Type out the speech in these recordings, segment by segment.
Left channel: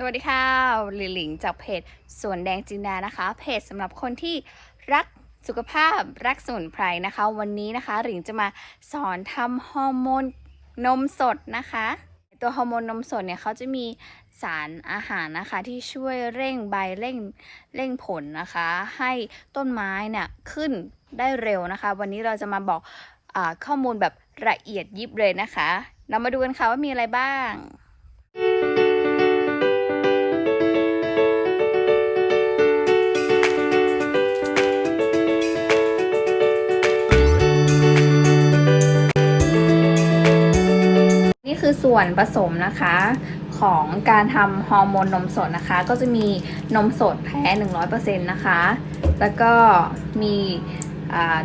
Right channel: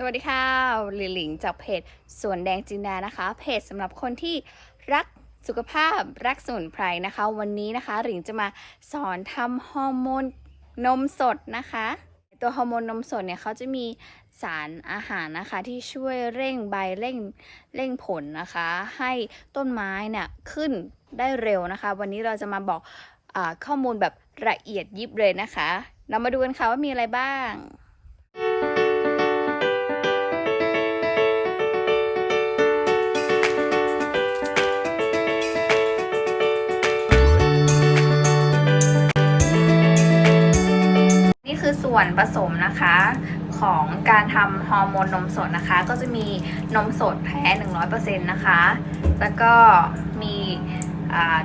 สวัสดีค่ะหลิหลิงจากเพจสวนแดงจินดานะคะ เพจสำหรับคนที่รักสุขภาพรักสมุนไพรนะคะ วันนี้นะคะหลิงจะมาสอนทำฮอร์โมนนมสดนะคะ ตัวฮอร์โมนนมสดเนี่ยเขาจะมีสารอาหารนะคะที่ช่วยเร่งใบเร่งเร่งผลนะคะ ให้ต้นไม้เนี่ยขึ้นได้เร็วนะคะ วันนี้เราจะมาบอกอข้อมูลแบบละเอียดยิบเลยนะคะ เรามาดูกันค่ะว่ามีอะไรบ้าง วนผสมนะคะของการทำฮอร์โมนนมสดนะคะ ก็จะมีนมสดแท้ 100%นะคะ แล้วก็มี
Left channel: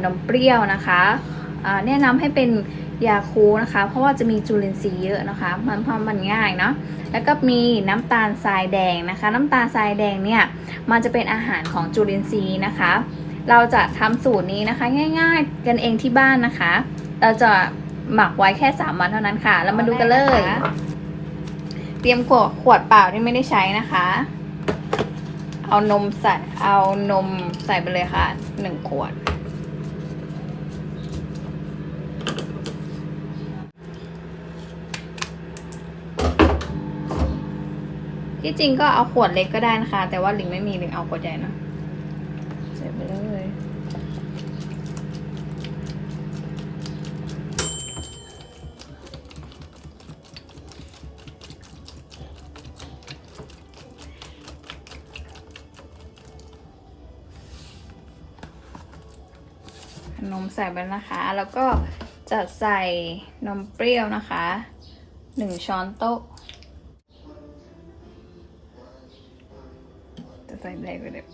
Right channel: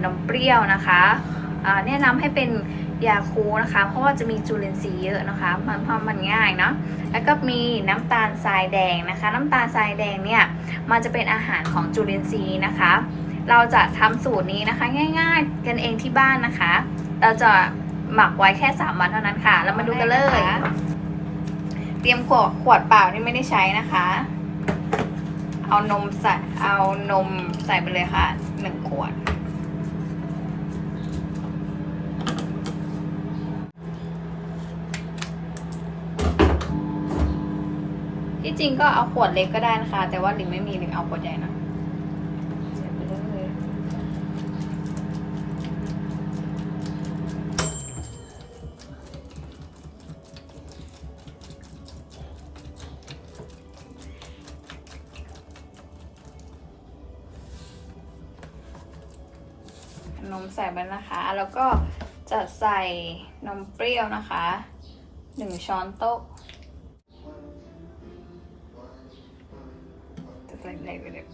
นมเปรี้ยวนะคะแนะนำให้เป็นยาคูนะคะ เพราะว่าจะมีจุลินทรีย์เยอะนะคะ มันทำมันง่ายเนาะแล้วก็มีน้ำตาลทรายแดงนะคะ น้ำตาลทรายแดงเนี่ยมันจะเป็นอาหารของจุลินทรีย์นะคะ เราจะทำสูตรนี้นะคะง่าย ๆ กันเองที่บ้านนะคะ เราจะ หมักไว้แค่3วันเท่านั้นค่ะ แล้วมาดูกันเลย เตรียมขวดขวดเปล่าที่ไม่ได้ใช้นะคะ เอานมใส่ เอานมใส่ไปเลยค่ะหนึ่งขวด ที่จริงก็เอาขวดเล็กก็ได้นะคะ แต่ว่าลิงไม่มีลิงเอาขวดใหญ่นะ นมใส่ไปนะคะ แล้วก็จะใส่นมเปรี้ยวนะคะหนึ่งช้อนโต๊ะจะใส่แรงไปเลย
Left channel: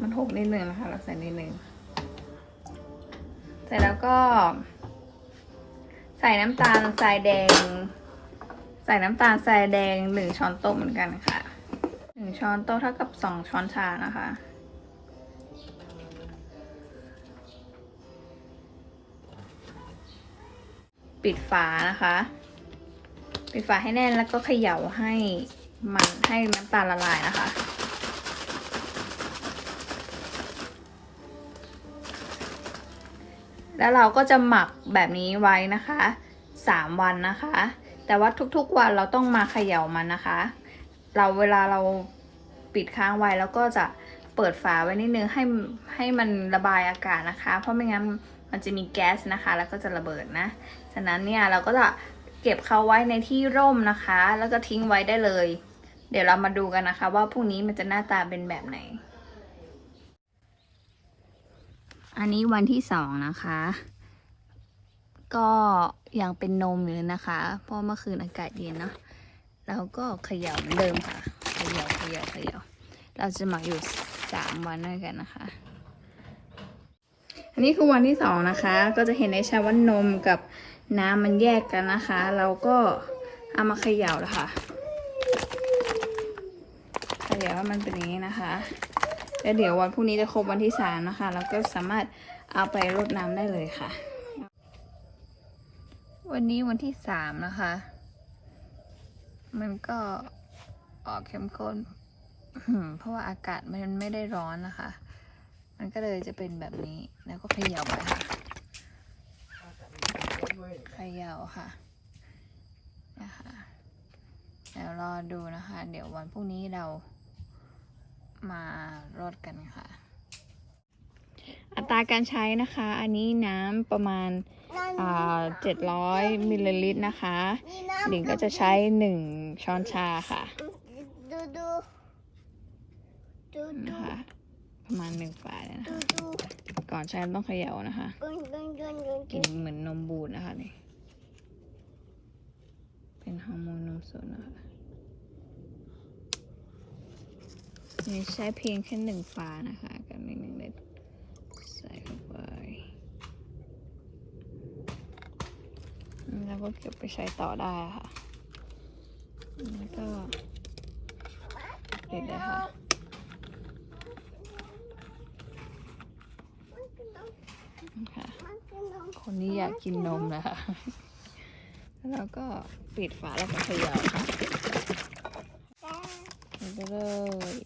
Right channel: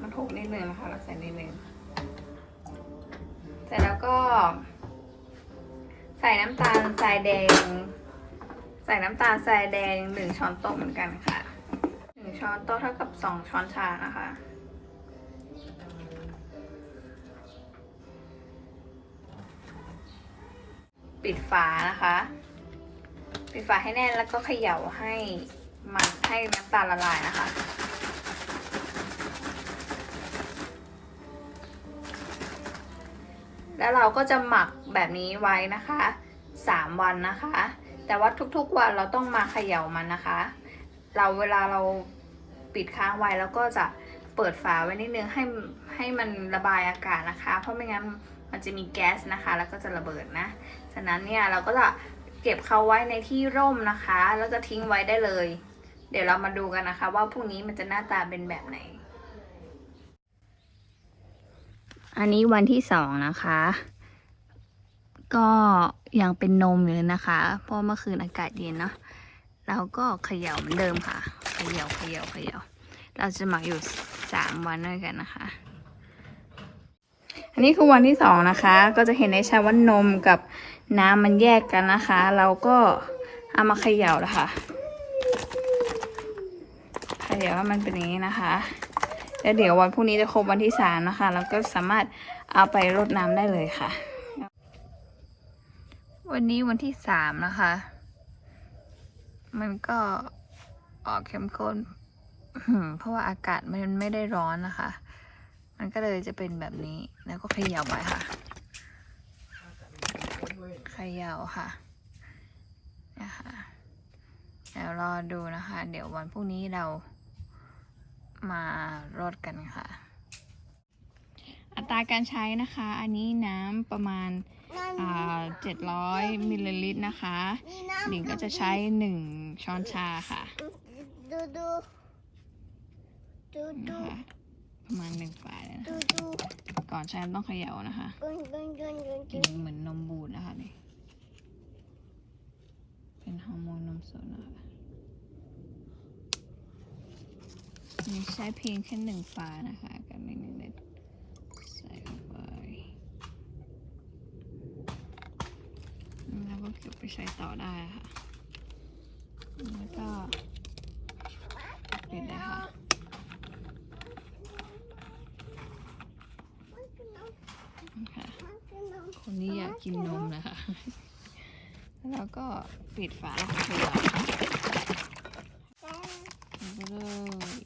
มันหกนิดนึงนะคะเราใส่นิดนึงเสร็จแล้วก็ ใส่น้ำตาลทรายแดง ใส่น้ำตาลทรายแดงหนึ่งช้อนโต๊ะเหมือนกันค่ะ ช้อนโต๊ะเท่ากับสองช้อนชานะคะ ปิดฝานะคะ ปิดฝาให้แน่นแล้วก็เขย่าให้มันให้น้ำตาลละลายนะคะแล้วเราก็จะหมักแบบนี้ไว้นะคะ 3 วันนะคะ แต่ว่าทุกๆวันเราต้องมาเขย่ามันนะคะ เราเวลาเรา ปิดค้างไว้แล้วก็จะเปิดฝาไว้นิดนึงให้ให้มันระบายอากาศนะคะ เพราะไม่งั้นมันจะมีแก๊สนะคะ แล้วก็จะระเบิดนะ ฉะนั้นเนี่ยเราก็จะเก็บเขาไว้ในที่ร่มนะคะ แล้วก็ทิ้งไว้ได้เลย เดี๋ยวเรามาดูกันนะคะ ว่าพรุ่งนี้มันจะหน้าตาเป็นแบบไหน อันนี้วันที่สองนะคะ ก็ยังเป็นนมอยู่เลยนะคะ เพราะเมื่อคืนอากาศเย็นเนาะเราก็เขย่าเหมือนเดิมค่ะ ย่าเขย่าเขย่าเราจะหมักอยู่สามวันด้วยกันนะคะ อันนี้คือวันที่สองนะคะ ก็จะเห็นได้ชัดว่านมกับน้ำมันแยกกันนะคะ เราก็เอามาเขย่าแล้วค่ะเขย่าว่ามันเป็นอย่างนี้นะคะแล้วเดี๋ยววันพรุ่งนี้จะครบวันที่สามนะคะแล้วก็สามารถเอาไปรดน้ำได้เลยค่ะ วันนี้วันที่สามนะคะ มันก็ ออกเข้มข้นอืมเพราะว่าอากาศมันไม่ได้ร้อนนะคะ มันก็เลยจะเป็นแบบนี้ แล้วก็เขย่าไปค่ะ เขย่าค่ะนะคะเดี๋ยวรอดูนะคะ เดี๋ยววันพรุ่งนี้เรามารดกันค่ะ อัตราการใช้นะคะ อันนี้น้ำประมาณเจ็ดร้อยมิลลิลิตรนะคะ หลิงก็จะใช้หนึ่งช้อนชาค่ะ ดูดูดูดูนะคะประมาณหนึ่งฝาเลยนะดูคะดูก่อนใช้ต้องเขย่านะคะกุนกุนกุนกุนกินเหมือนนมบูดนะคะนี่เป็นฮอร์โมนนมสดนะคะนี่ใช้เพียงแค่หนึ่งฝานะคะกับหนึ่งเล็ดใส่เข้าไปแล้วก็เก็บไปใช้ต่อได้ค่ะแล้วก็ นิดนะคะค่ะคนนี้อยากกินนมนะคะแล้วก็ปิดฝาแล้วก็เขย่าไปเลย